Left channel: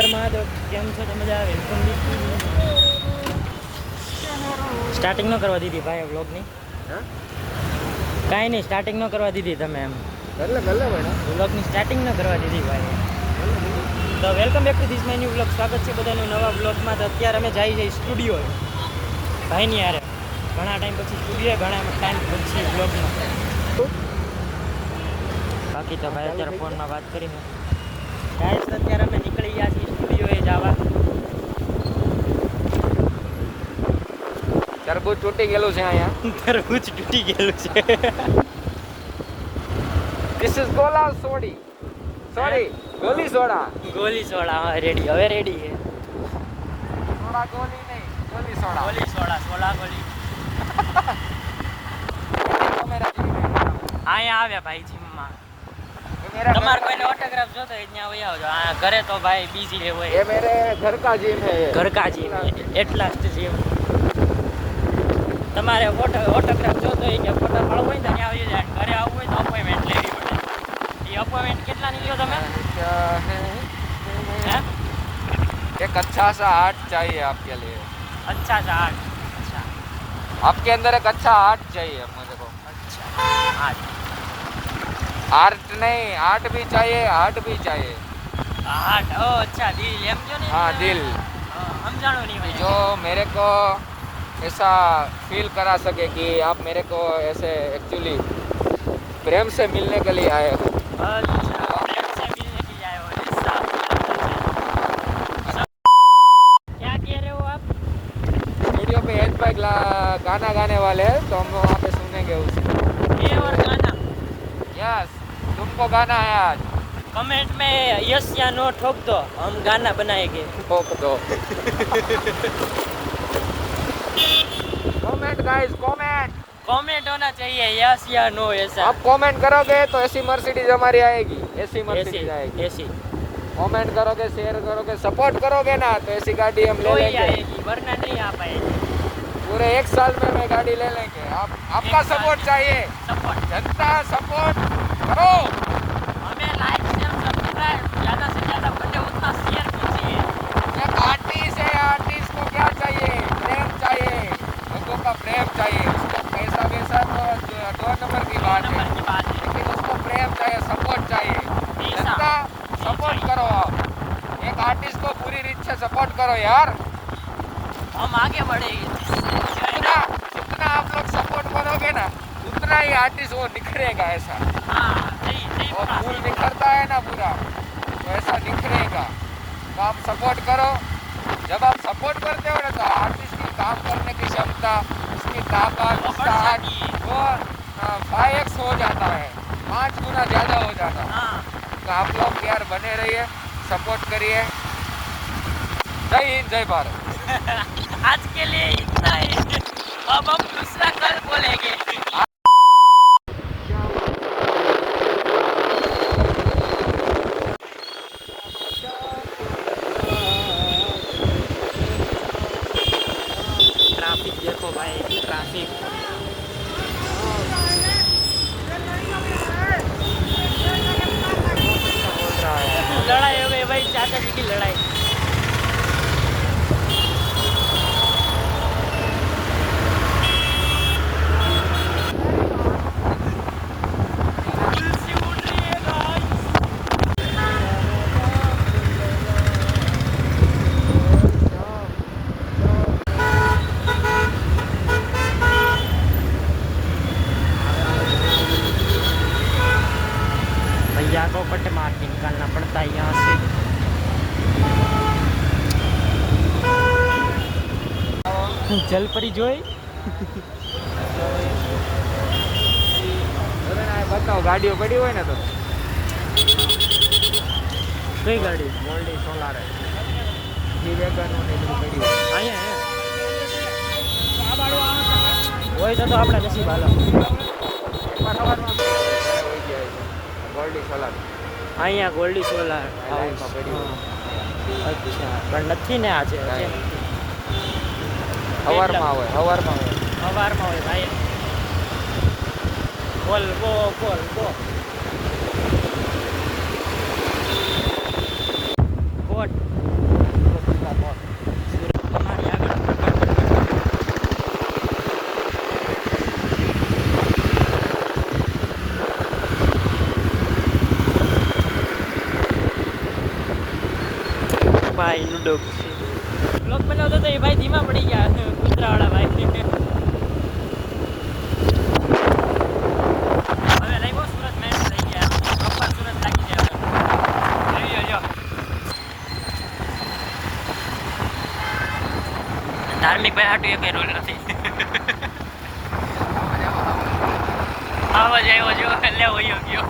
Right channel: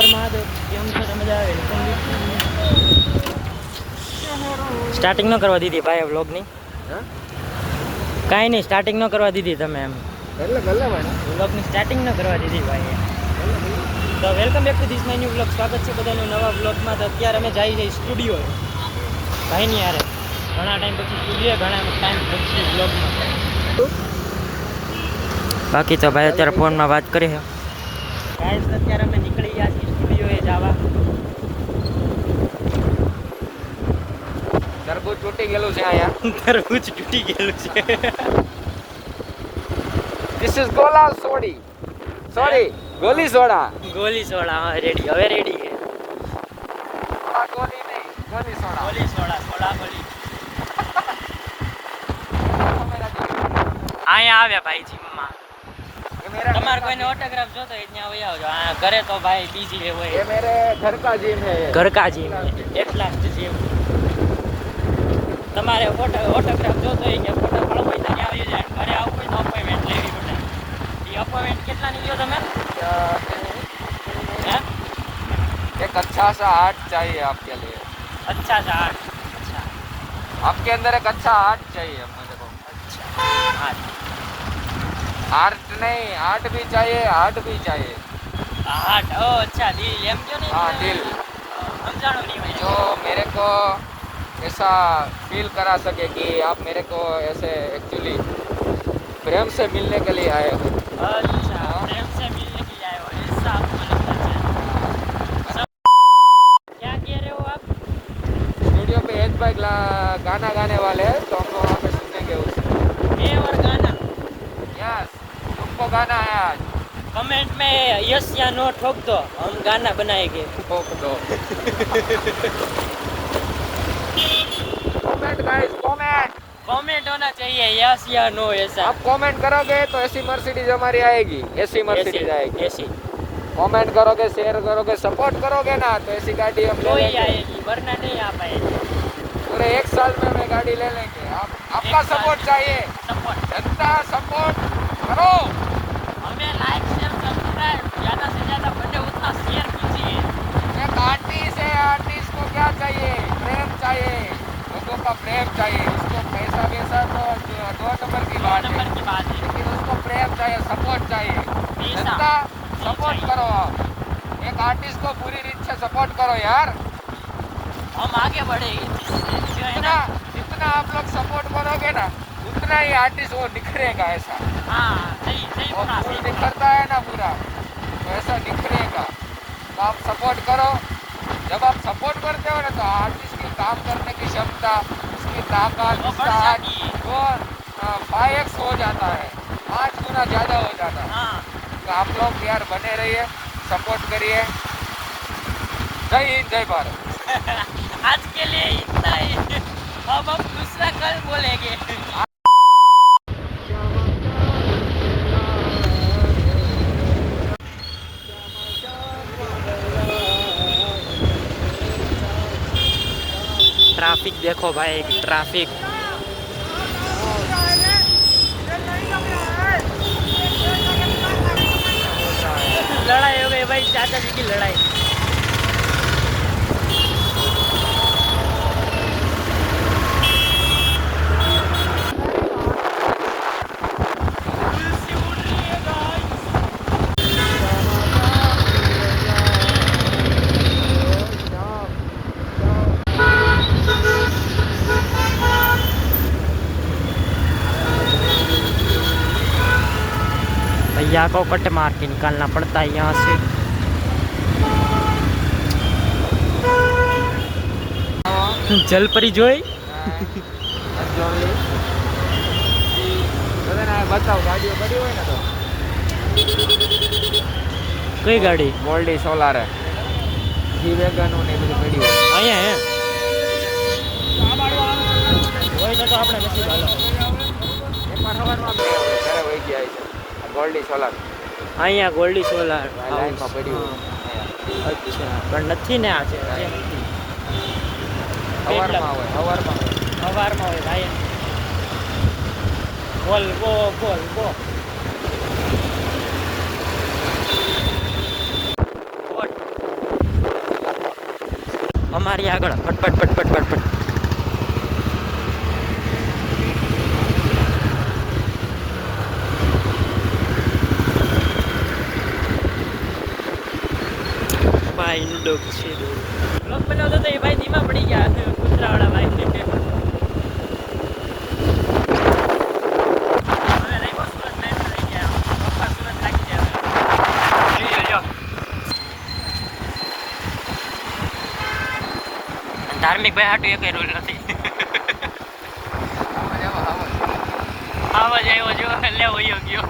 હર મહાદેવ. કેમ છો તમે? મજા આવે. સ્ટાર્ટિંગ ન કરવા દીધી ભાઈ વ્લોગની. હા કાંઈ નહીં, સ્ટાર્ટિંગ ન કરવા દીધી તમે એમ. ગલ્લો મેડમ વ્લોગની સ્ટાર્ટિંગ ન કરવા દીધી ભાઈ. તો welcome back to this my new vlog. સ્વાગત છે બધાનું નવા વ્લોગમાં. તો અત્યારે અમે જઈએ સ્ટુડિયોએ ભાઈની યારે. ઘણા ટાઈમ પછી સ્ટુડિયો, ઘણા ટાઈમ પછી વ્લોગમાં. બાકી તો ભાઈ અત્યારે ફોનમાં વાત કરી છે. ગાઈસ અત્યારે અમે નીકળી ગયા છીએ સ્ટુડિયોએ જવા. તરબૂચ તૂટી ગયેલું છે અહીંયા. તરબૂચ તૂટી ગયેલું છે. This is ગોલા સોડી. Sorry, goli soda. Goli soda. હા રેડી, હવે રેડી છે. આ ગોલી નહીં, goli soda. Goli soda, soda goli. અહીંયા આવ્યા ભાઈ જીમમાં. તમારે કોઈને ઓટોગ્રાફ જોતો હોય ત્યાં વહી આવજો. આ ઘરે તો ભાઈ બીજી હોય. ये मेरे घर का जिम है. ઘર કા જીમ એટલા જ જીમ. તમારે ઓટોગ્રાફ જોતો હોય કે ફોટો પાડવો હોય તો ત્યાં આવી જાય. ઘરે આવવું હોય તો અપોઇન્ટમેન્ટ લેવી પડે. એ અપોઇન્ટમેન્ટ કેટલાની લ્યો તમે? હા? एक अच्छा सा आर्ट चाहिए आपके लिए. અચ્છા ચાર. आपके अंदर एक अच्छा आर्ट चाहिए मुझे को. અચ્છા આઠ. आर्ट नहीं, आर्ट भी चाहिए, आर्ट भी चाहिए. આઠ. ઓ અચ્છા દિલ એમ જો ને. हाँ दिल, સમજાણું નહીં હોય. जो मेरे को ऐसा फील करा सके कि आप मेरे को ऐसे एक्चुअली प्रेम से मिलने के लिए आए हो. अच्छा प्रेम से मिलने के लिए आए हो ऐसा. क्या कह रहे हो आप? स्टूडियो पे एक भाई गाना गाने वाले हैं तो हम लोग वहाँ पे सुनेंगे उसे. ये और गाना. यस, तुमको गाना है आज. कमेंट में यस या नो ठोक दो, हम गाना बनाएंगे. ठोक दो. Comment guys, comment. कमेंट होना चाहिए यस या नो ऐसा. आप कमेंट करोगे तो ऐसी मर्सिडीज हमारी आएगी, ऐसी मर्सिडीज आएगी. ऐसी कमेंट करोगे, शेयर करोगे, सपोर्ट करोगे ना तो ऐसी गाड़ी हम तो ले ही लेंगे. आएगी वरना नहीं आ पाएगी. पूरे 1 साल में मैं गाड़ी ले लेंगे. आपका सपोर्ट चाहिए. सपोर्ट. जनता सपोर्ट करो. हमें लाइक शेयर सब्सक्राइब ज़्यादा से ज़्यादा बने उतना शेयर कीजिए. एक आर्टिस्ट है, आर्टिस्ट को क्या चाहिए? प्रेम चाहिए, लोगों का प्रेम चाहिए. उसको पैसा वैसा तो 2 नंबर की बात है, नंबर की बात है. लेकिन उसको प्रेम चाहिए, सपोर्ट चाहिए. पैसा जनता सपोर्ट करो. एक आर्टिस्ट को पूरी रीत से सपोर्ट करो यार. हम आगे बढ़ेंगे. जितना जितना आप लोग सपोर्ट करोगे ना उतना ही आर्टिस्ट वो निखरेगा. ऐसा हाँ सही सही वो बोला. फूल निखरता है ना पूरा, तो ऐसा निखरेगा. तो आप सपोर्ट करो. जब आप सपोर्ट करते हो ना तो आर्टिस्ट की काम करने की क्षमता, उसकी ताकत, उसका हाथ वो 5x हो जाता है, 5 गुना ज़्यादा हो जाता है. हाँ तो आप लोग यार बने रहिए, सपोर्ट करिए. जय हिंद, जय भारत. आज के लिए इतना ही. अब हम दूसरा कल बोलेंगे. ट्रैफिक देखो भाई, ट्रैफिक. लड़ाई हो गई भाई, चाचा जी की लड़ाई. भैया को कट मार के निकालना पड़ता है यहाँ से. जलपरी જોઈ. बताओ गाड़ियों पड़ी हुई ना तो કઈ ગાડી? મોલ્ડી સોલાર है, जी वेगन ने बड़ी पड़ी हुई. અહીંયા હે હોય તો આપણે નથી બાલો. મોલ્ડી સોલાર અહીંયા ગોલ્ડી સોલાર હાઉસ. પડી હા અચ્છા પણ નથી ને આજે. સવારમાં સવારમાં હોય ભાઈ. બોલ બો બોલ બો. કોટ અમારી આગળ પટ પટ પટ પટ પટ ભાઈ નું ડોગ છે બ્લોગ બનાવતો તો એ ભાઈ ધીમા પડી ગયા કૂતરાવાળા ભાઈ હવે લાગ્યો સુરત મેચ થઈ ગયા પપ્પા સુરત લાગી ગયા ધાર્મિક ભાઈ હાટું એક રોલ નથી આવાજ આવ્યો જો એટલે વયો ગયો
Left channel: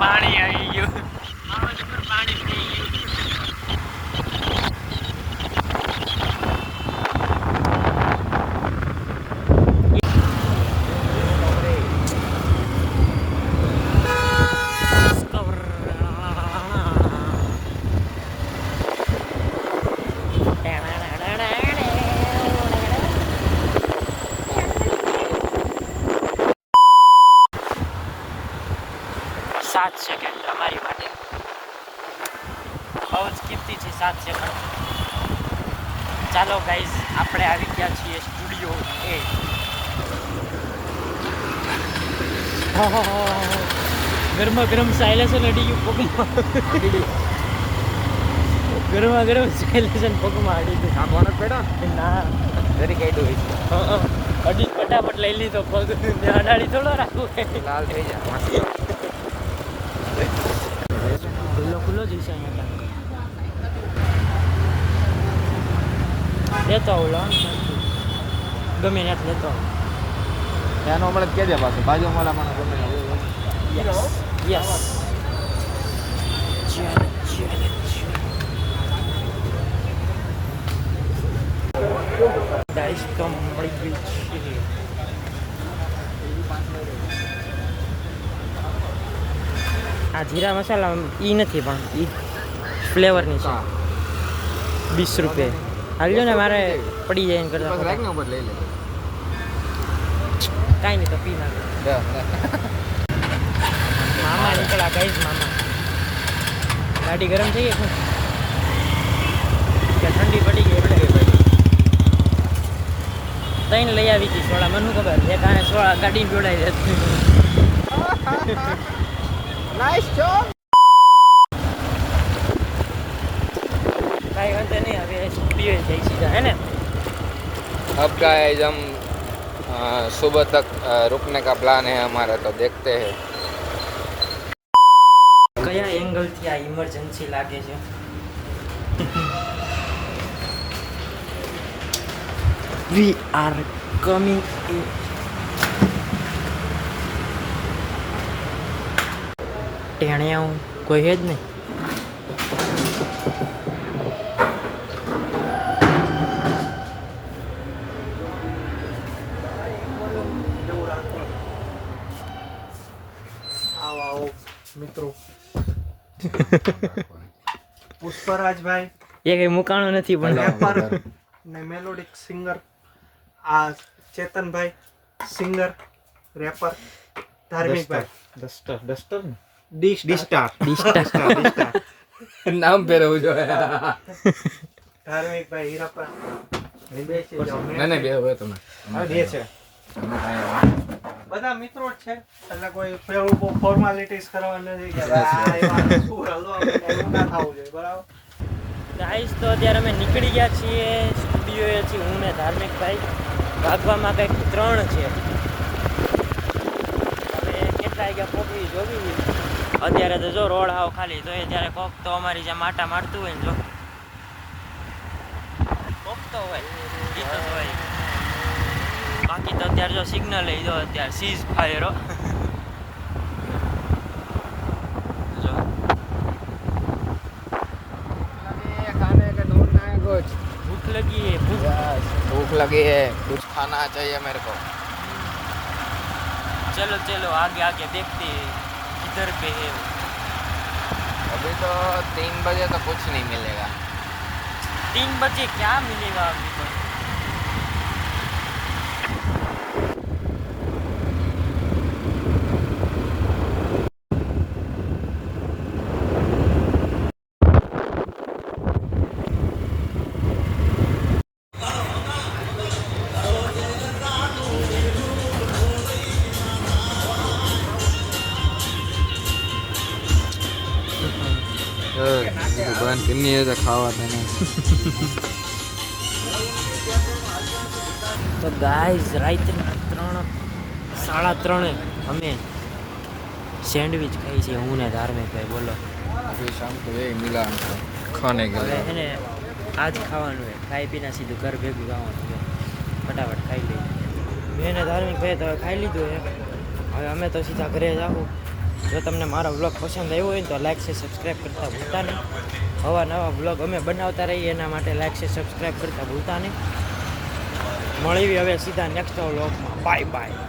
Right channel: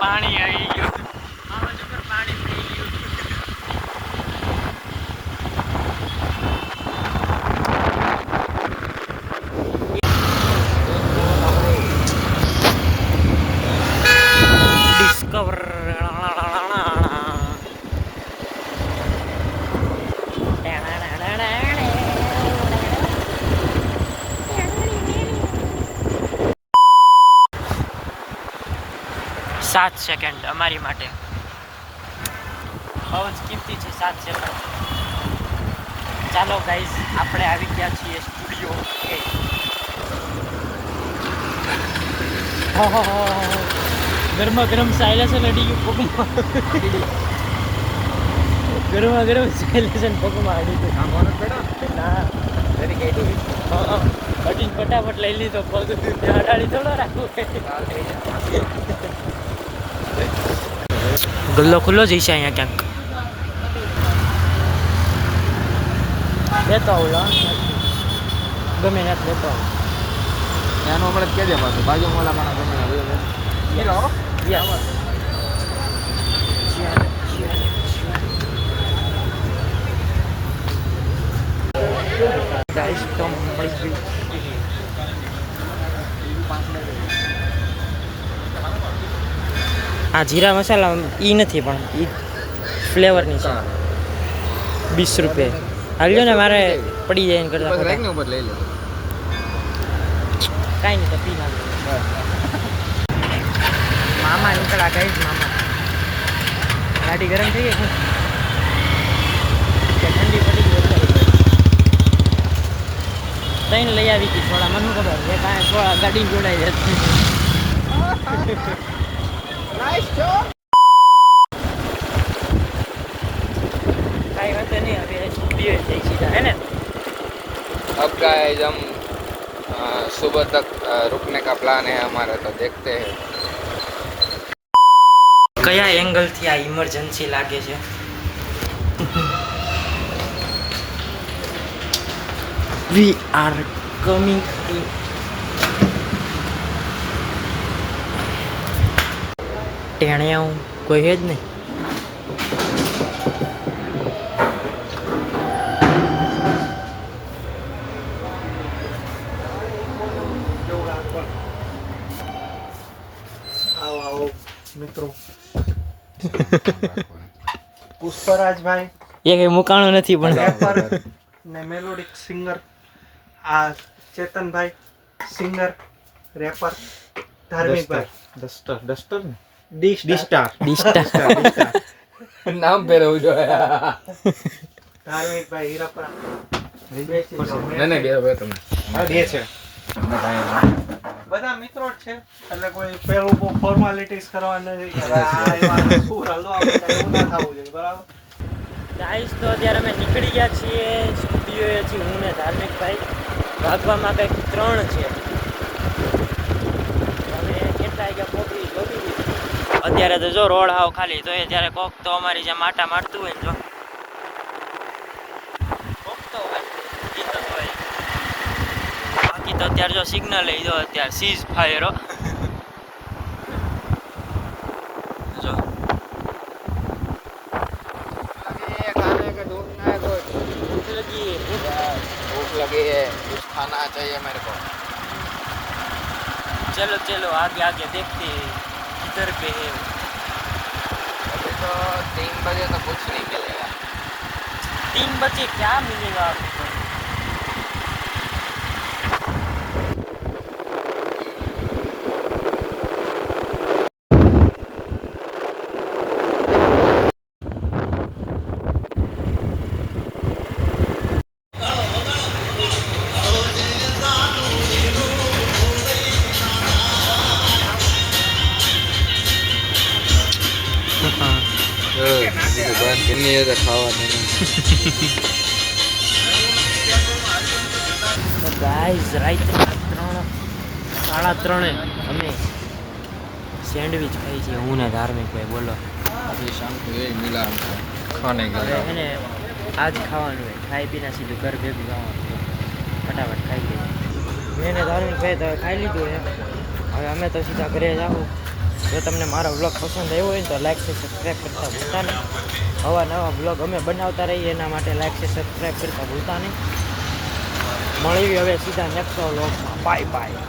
પાણી આવી ગયું આવાજ ઉપર પાણી થઈ ગયું ડિસ્કવર સાત સેકન્ડ અમારી માટે બહુ જ કિંમતી છે 7 સેકન્ડ ચાલો ગાઈઝ આપણે આવી ગયા છીએ સ્ટુડિયો એ ગરમા ગરમ સાયલેશન અડી ગયું પગમાં ગરમા ગરમ સાયલેશન પગમાં અડી ગયું ના હજી ફટાફટ લઈ લીધો પગ અડાડી થોડો રાખવું ગલ્લો ખુલ્લો જ છે અહીંયા ક્યાંક લેતો આવું લોન ગમે ને લેતો આવું એનો હમણાં કે દે પાછું બાજુ મોલા માણસ યસ ગાઈસ તો મળી ગયું આ જીરા મસાલા ઈ નથી પણ ઈ ફ્લેવરની છે 20 રૂપિયા હાલ્યો ને મારે પડી જાય કરતા રાખ ઉપર લઈ લે કાંઈ નહીં તો પી નાખો મામા નીકળ્યા ગાઈસ મામા ગાડી ગરમ થઈ ગઈ કે ઠંડી પડી ગઈ એટલે તઈને લઈ આવી હતી સોડા મને શું ખબર એક આને સોડા ગાડીને જોડાઈ જતી કાંઈ વાંધો નહીં હવે સ્ટુડિયો જઈ સીધા હે ને अब गाइस हम सुबह तक रुकने का प्लान है हमारा तो देखते हैं કયા એંગલથી આ ઇમરજન્સી લાગે છે વી આર કમિંગ ઇન ટેણિયાઓ કોઈ હે જ નહીં મિત્રો પુષ્પરાજભાઈ એ કઈ મુકાણું નથી પણ રેપર ને મેલોડિક સિંગર આ Chetanbhai singer wrapper Dharmikbhai duster ને ડી-સ્ટાર ડિસ્ટા नाम पे रहूं जो है ધાર્મિકભાઈ હીરાપરા मैंने गया हुआ तुमने દે છે બધા મિત્રો જ છે એટલે કોઈ પેલું ફોર્માલિટીઝ કરવા નથી કે ભાઈ આ એમાં શું હલવા એવું ના થવું જોઈએ બરાબર ગાઈસ તો અત્યારે અમે નીકળી ગયા છીએ સ્ટુડિયોએ છીએ હું ને ધાર્મિકભાઈ ભાગવામાં કંઈક 3 છે હવે કેટલા ગયા પહોંચી જોવી દીધી અત્યારે તો જો રોડ હાવ ખાલી તો એ ત્યારે કોક તો અમારી જેમ આટા મારતું હોય ને જો કોક તો હોય જીતો તો હોય બાકી તો અત્યારે જો સિગ્નલ લઈ દો અત્યારે સીઝ ફાયર જો खाने का ढूंढना है कुछ ભૂખ લગી है भूख लगी है कुछ खाना चाहिए मेरे को चलो चलो आगे आगे देखते हैं इधर पे है अभी तो 3 बजे तो कुछ नहीं मिलेगा 3 बजे क्या मिलेगा अभी तो તો ગાઈઝ રાતના 3:30 અમે સેન્ડવિચ ખાઈ છીએ હું ને ધાર્મિક ભાઈ. બોલો હવે એને આજ ખાવાનું હોય, ખાઈ પીને સીધું ઘર ભેગું ખાવાનું છે. ફટાફટ ખાઈ લઈએ. મેં ને ધાર્મિક ભાઈ તો ખાઈ લીધું છે. હવે અમે તો સીધા ઘરે જાવું. જો તમને મારો વ્લોગ પસંદ આવ્યો હોય ને તો લાઈક છે સબસ્ક્રાઈબ કરતા ભૂલતા નહીં. નવા નવા વ્લોગ અમે બનાવતા રહીએ એના માટે લાઈક છે સબસ્ક્રાઈબ કરતા ભૂલતા નહીં. મળીએ હવે સીધા નેક્સ્ટ વ્લોગમાં. Bye bye.